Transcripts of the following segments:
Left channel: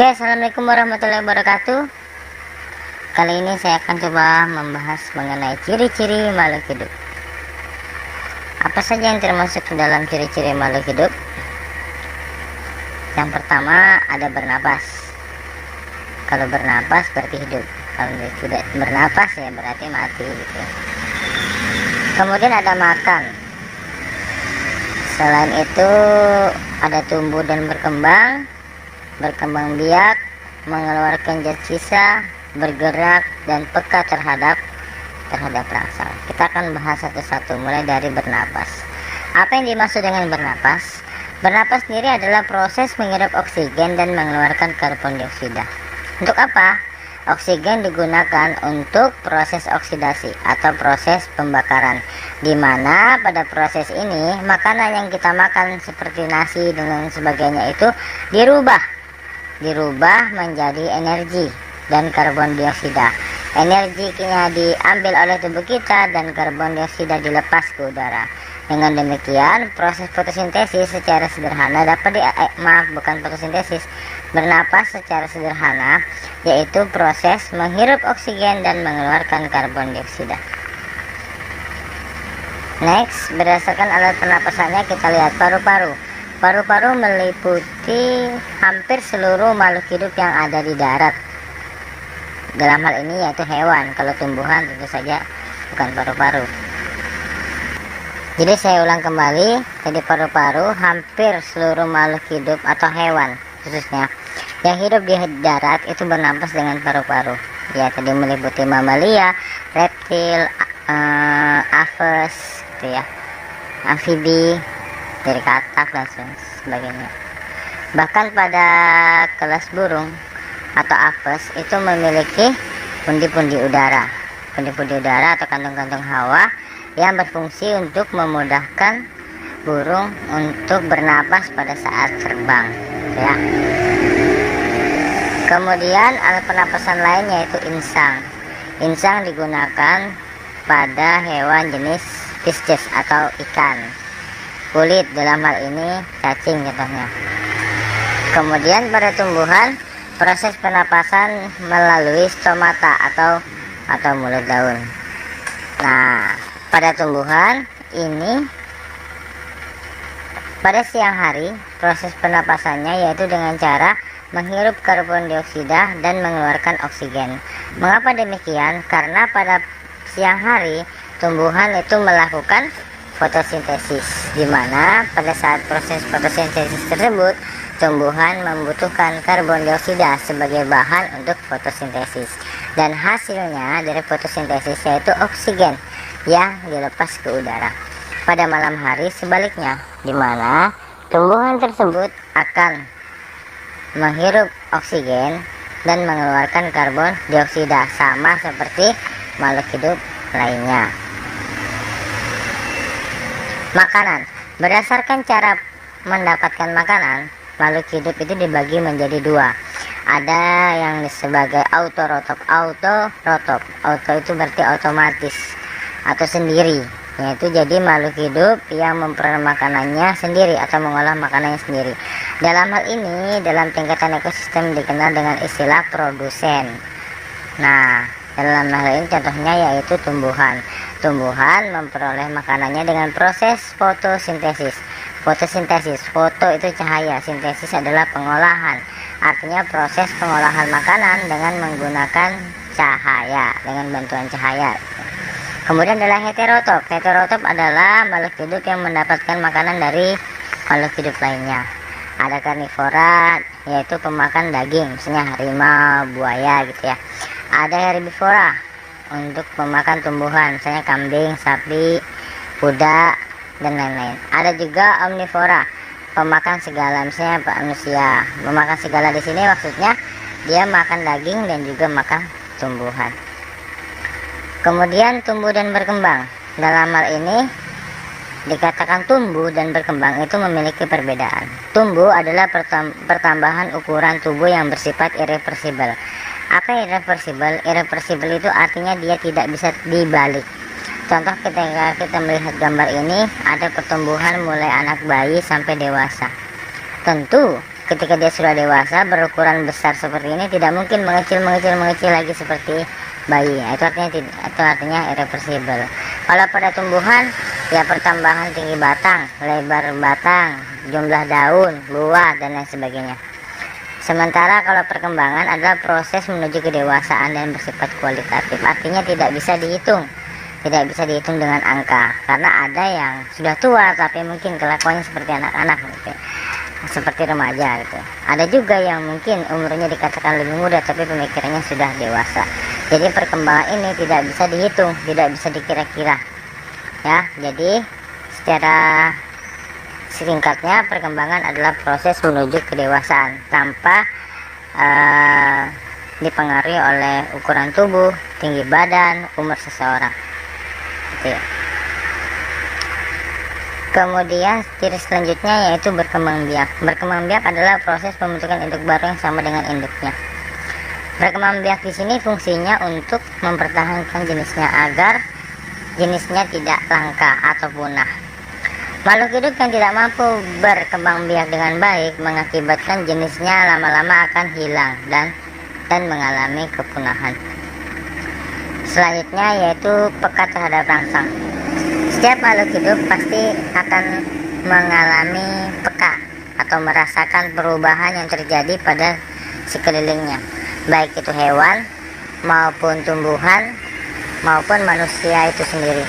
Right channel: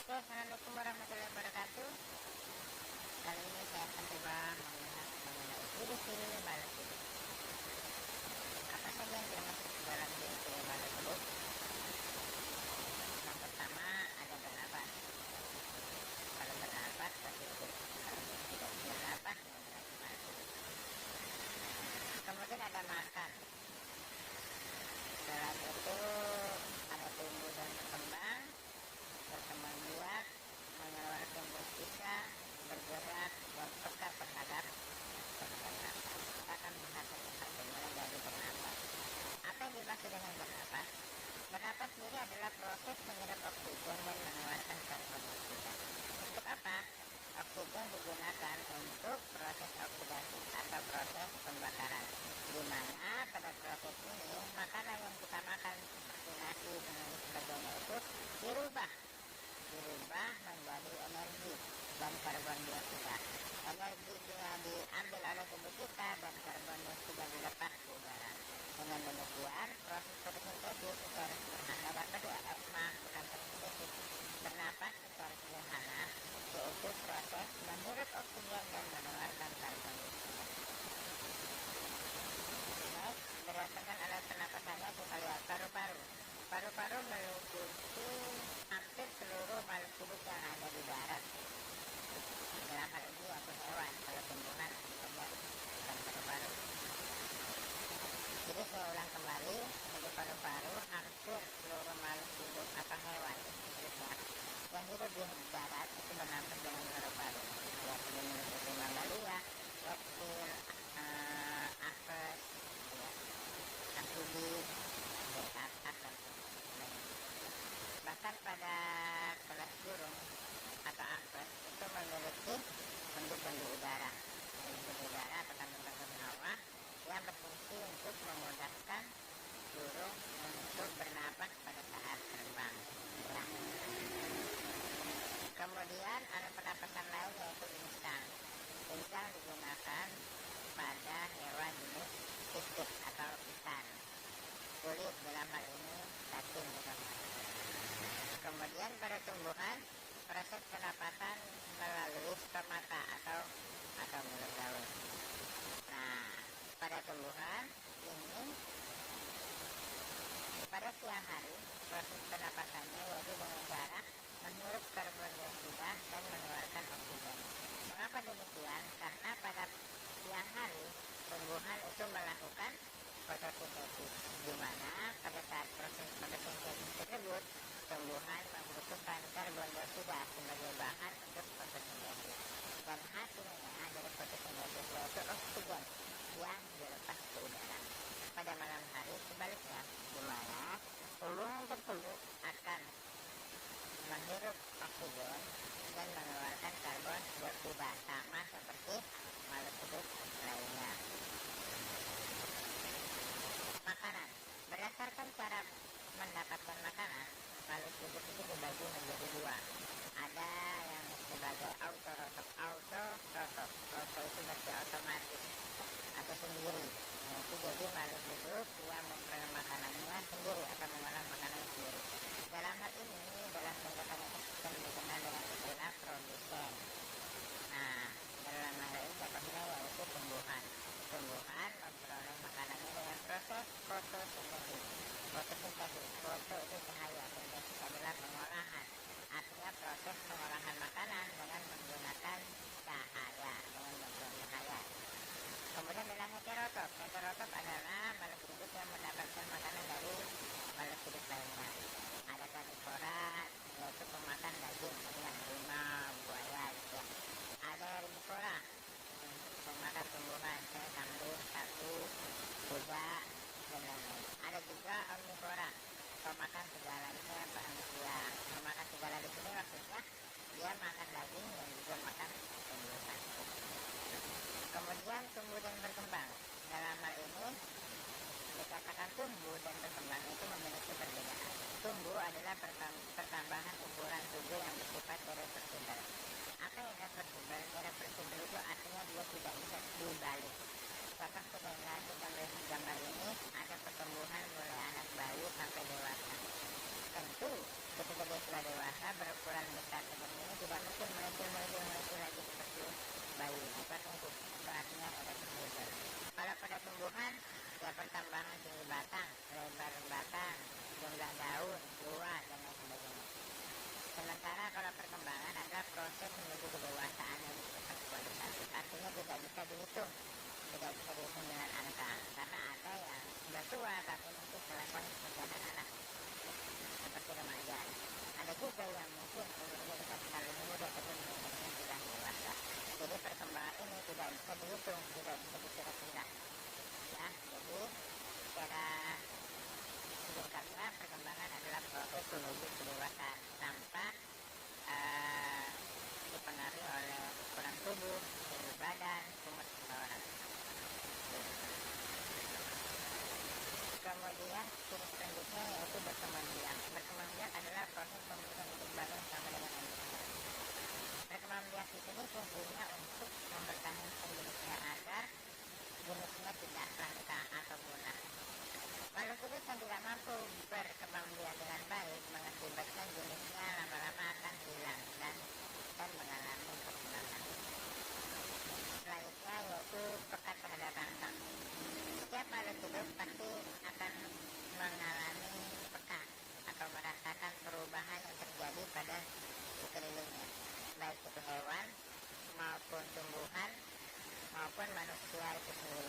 Oke, assalamualaikum warahmatullahi wabarakatuh. Kali ini saya akan coba membahas mengenai ciri-ciri makhluk hidup. Apa saja yang termasuk ke dalam ciri-ciri makhluk hidup? Yang pertama ada bernapas. Kalau bernapas berarti hidup. Kalau tidak bernapas ya berarti mati gitu. Kemudian ada makan. Selain itu ada tumbuh dan berkembang biak, mengeluarkan zat sisa, bergerak, dan peka terhadap rangsang. Kita akan bahas satu-satu, mulai dari bernapas. Apa yang dimaksud dengan bernapas? Bernapas sendiri adalah proses menghirup oksigen dan mengeluarkan karbon dioksida. Untuk apa? Oksigen digunakan untuk proses oksidasi atau proses pembakaran, di mana pada proses ini makanan yang kita makan seperti nasi dan sebagainya itu dirubah menjadi energi dan karbon dioksida. Energinya diambil oleh tubuh kita dan karbon dioksida dilepas ke udara. Dengan demikian, proses fotosintesis secara sederhana bernapas secara sederhana yaitu proses menghirup oksigen dan mengeluarkan karbon dioksida. Next, berdasarkan alat pernapasannya kita lihat paru-paru. Paru-paru meliputi hampir seluruh makhluk hidup yang ada di darat. Dalam hal ini yaitu hewan. Kalau tumbuhan tentu saja bukan paru-paru. Jadi saya ulang kembali, jadi paru-paru hampir seluruh makhluk hidup atau hewan khususnya yang hidup di darat itu bernapas dengan paru-paru. Ya, tadi meliputi mamalia, reptil, aves, gitu ya, amfibi, dari katak dan sebagainya. Bahkan pada kelas burung atau aves itu memiliki pundi-pundi udara atau kantung-kantung hawa yang berfungsi untuk memudahkan burung untuk bernapas pada saat terbang, ya. Kemudian alat pernapasan lain yaitu insang. Insang digunakan pada hewan jenis pisces atau ikan kulit, dalam hal ini cacing contohnya. Kemudian pada tumbuhan proses pernapasan melalui stomata atau mulut daun. Nah, pada tumbuhan ini pada siang hari proses pernapasannya yaitu dengan cara menghirup karbon dioksida dan mengeluarkan oksigen. Mengapa demikian? Karena pada siang hari tumbuhan itu melakukan fotosintesis, di mana pada saat proses fotosintesis tersebut tumbuhan membutuhkan karbon dioksida sebagai bahan untuk fotosintesis, dan hasilnya dari fotosintesis yaitu oksigen yang dilepas ke udara. Pada malam hari sebaliknya, di mana tumbuhan tersebut akan menghirup oksigen dan mengeluarkan karbon dioksida, sama seperti makhluk hidup lainnya. Makanan. Berdasarkan cara mendapatkan makanan, makhluk hidup itu dibagi menjadi dua. Ada yang sebagai autorotop. Auto itu berarti otomatis atau sendiri, yaitu jadi makhluk hidup yang memperoleh makanannya sendiri atau mengolah makanannya sendiri. Dalam hal ini, dalam tingkatan ekosistem dikenal dengan istilah produsen. Nah, dalam hal ini contohnya yaitu tumbuhan memperoleh makanannya dengan proses fotosintesis. Foto itu cahaya, sintesis adalah pengolahan, artinya proses pengolahan makanan dengan menggunakan cahaya, dengan bantuan cahaya. Kemudian adalah heterotop. Heterotop adalah makhluk hidup yang mendapatkan makanan dari makhluk hidup lainnya. Ada karnivora, yaitu pemakan daging, misalnya harimau, buaya gitu ya. Ada herbivora, untuk memakan tumbuhan, misalnya kambing, sapi, kuda, dan lain-lain. Ada juga omnivora, pemakan segala, misalnya manusia. Memakan segala di sini maksudnya dia makan daging dan juga makan tumbuhan. Kemudian tumbuh dan berkembang. Dalam hal ini dikatakan tumbuh dan berkembang itu memiliki perbedaan. Tumbuh adalah pertambahan ukuran tubuh yang bersifat irreversibel. Apa irreversibel? Irreversibel itu artinya dia tidak bisa dibalik. Contoh ketika kita melihat gambar ini, ada pertumbuhan mulai anak bayi sampai dewasa. Tentu ketika dia sudah dewasa berukuran besar seperti ini tidak mungkin mengecil lagi seperti bayi. Itu artinya irreversible. Kalau pada tumbuhan ya pertambahan tinggi batang, lebar batang, jumlah daun, buah dan lain sebagainya. Sementara kalau perkembangan adalah proses menuju kedewasaan dan bersifat kualitatif, artinya tidak bisa dihitung dengan angka, karena ada yang sudah tua tapi mungkin kelakuannya seperti anak-anak gitu, seperti remaja gitu. Ada juga yang mungkin umurnya dikatakan lebih muda tapi pemikirannya sudah dewasa. Jadi perkembangan ini tidak bisa dihitung, tidak bisa dikira-kira ya. Jadi secara singkatnya, perkembangan adalah proses menuju kedewasaan tanpa dipengaruhi oleh ukuran tubuh, tinggi badan, umur seseorang. Kemudian ciri selanjutnya yaitu berkembang biak. Berkembang biak adalah proses pembentukan induk baru yang sama dengan induknya. Berkembang biak di sini fungsinya untuk mempertahankan jenisnya agar jenisnya tidak langka atau punah. Makhluk hidup yang tidak mampu berkembang biak dengan baik mengakibatkan jenisnya lama-lama akan hilang dan mengalami kepunahan. Selanjutnya yaitu peka terhadap rangsang. Setiap makhluk hidup pasti akan mengalami peka atau merasakan perubahan yang terjadi pada sekelilingnya, baik itu hewan maupun tumbuhan maupun manusia itu sendiri.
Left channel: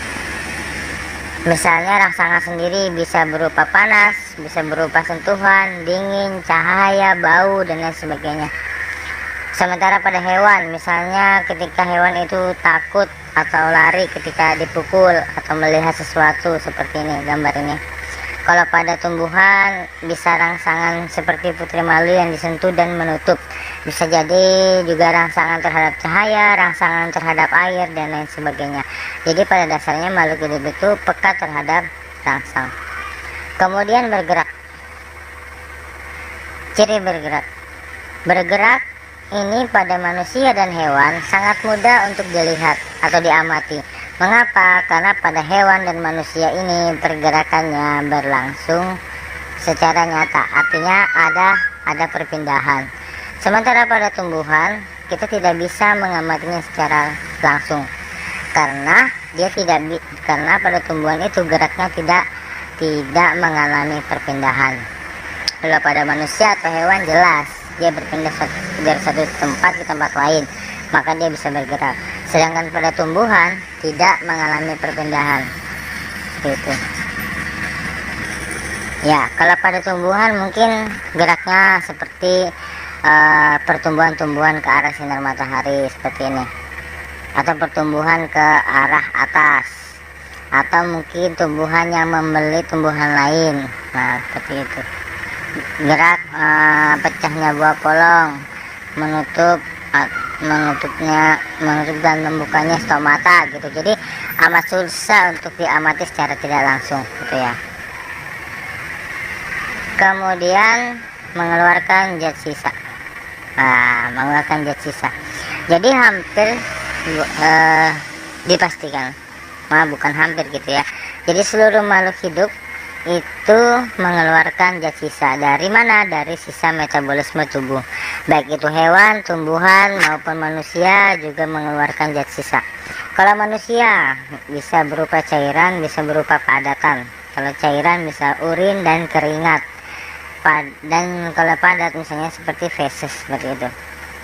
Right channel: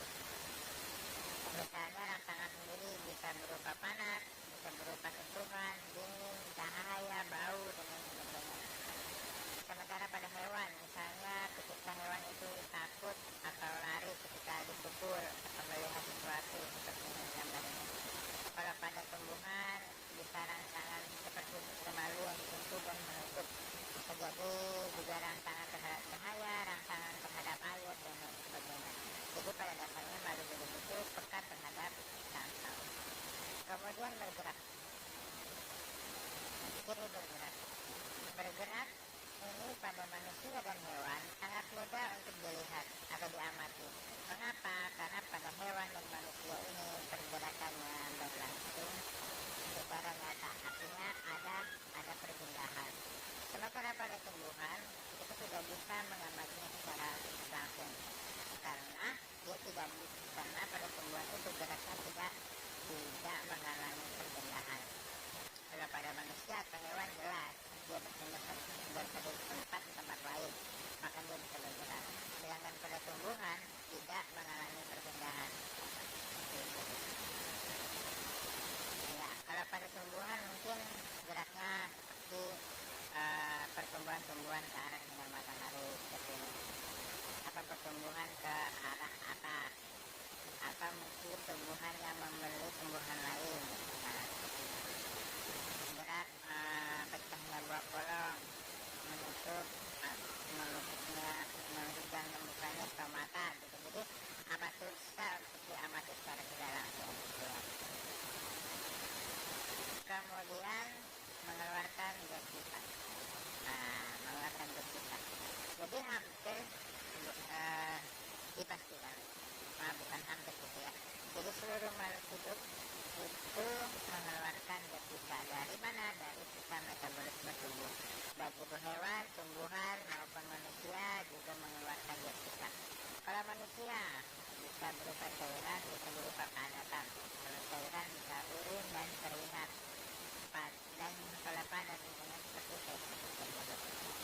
Misalnya rangsangan sendiri bisa berupa panas, bisa berupa sentuhan, dingin, cahaya, bau dan lain sebagainya. Sementara pada hewan, misalnya ketika hewan itu takut atau lari ketika dipukul atau melihat sesuatu seperti ini gambar ini. Kalau pada tumbuhan bisa rangsangan seperti putri malu yang disentuh dan menutup. Bisa jadi juga rangsangan terhadap cahaya, rangsangan terhadap air dan lain sebagainya. Jadi pada dasarnya makhluk hidup itu peka terhadap rangsang. Kemudian bergerak. Ciri bergerak. Bergerak ini pada manusia dan hewan sangat mudah untuk dilihat atau diamati. Mengapa? Karena pada hewan dan manusia ini pergerakannya berlangsung secara nyata, artinya ada perpindahan. Sementara pada tumbuhan kita tidak bisa mengamatinya secara langsung, karena karena pada tumbuhan itu geraknya tidak mengalami perpindahan. Kalau pada manusia atau hewan jelas dia berpindah dari satu tempat ke tempat lain, maka dia bisa bergerak. Sedangkan pada tumbuhan tidak mengalami perpindahan. Gitu. Ya, kalau pada tumbuhan mungkin geraknya seperti pertumbuhan-tumbuhan ke arah sinar matahari seperti ini, atau pertumbuhan ke arah atas, atau mungkin tumbuhan yang membeli tumbuhan lain. Nah, seperti itu. Gerak pecahnya buah polong, menutup dan membukanya stomata gitu. Jadi amat susah untuk diamati secara tidak langsung gitu ya. Kemudian mengeluarkan zat sisa. Mengeluarkan zat sisa. Jadi hampir dipastikan, bukan hampir gitu ya. Jadi seluruh makhluk hidup itu mengeluarkan zat sisa. Dari mana? Dari sisa metabolisme tubuh. Baik itu hewan, tumbuhan maupun manusia juga mengeluarkan zat sisa. Kalau manusia bisa berupa cairan, bisa berupa padatan. Kalau cairan bisa urin dan keringat. Dan kalau padat misalnya seperti feses seperti itu.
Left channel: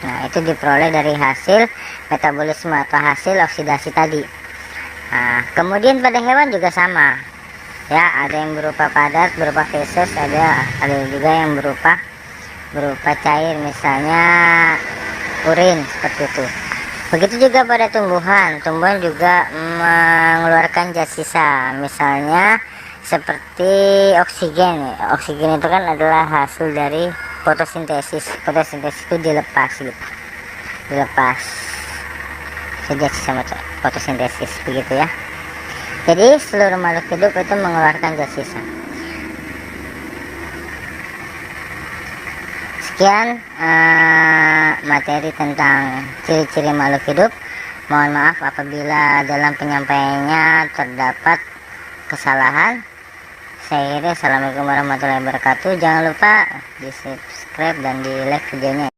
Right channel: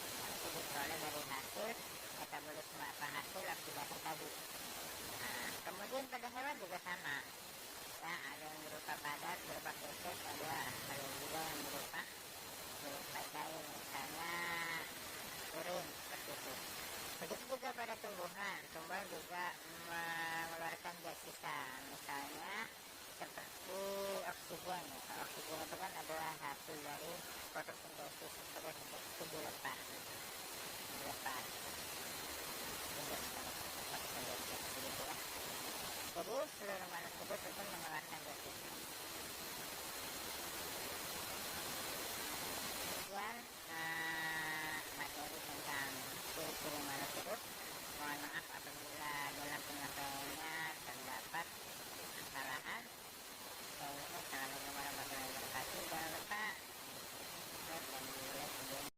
Nah, itu diperoleh dari hasil metabolisme atau hasil oksidasi tadi. Nah, kemudian pada hewan juga sama. Ya, ada yang berupa padat, berupa feses, ada juga yang berupa cair, misalnya urin seperti itu. Begitu juga pada tumbuhan juga mengeluarkan zat sisa, misalnya seperti oksigen. Oksigen itu kan adalah hasil dari fotosintesis. Fotosintesis itu dilepas zat sisa fotosintesis begitu ya. Jadi seluruh makhluk hidup itu mengeluarkan zat sisa. Sekian materi tentang ciri-ciri makhluk hidup. Mohon maaf apabila dalam penyampaiannya terdapat kesalahan. Saya kira assalamualaikum warahmatullahi wabarakatuh. Jangan lupa di subscribe subscribe dan di like videonya.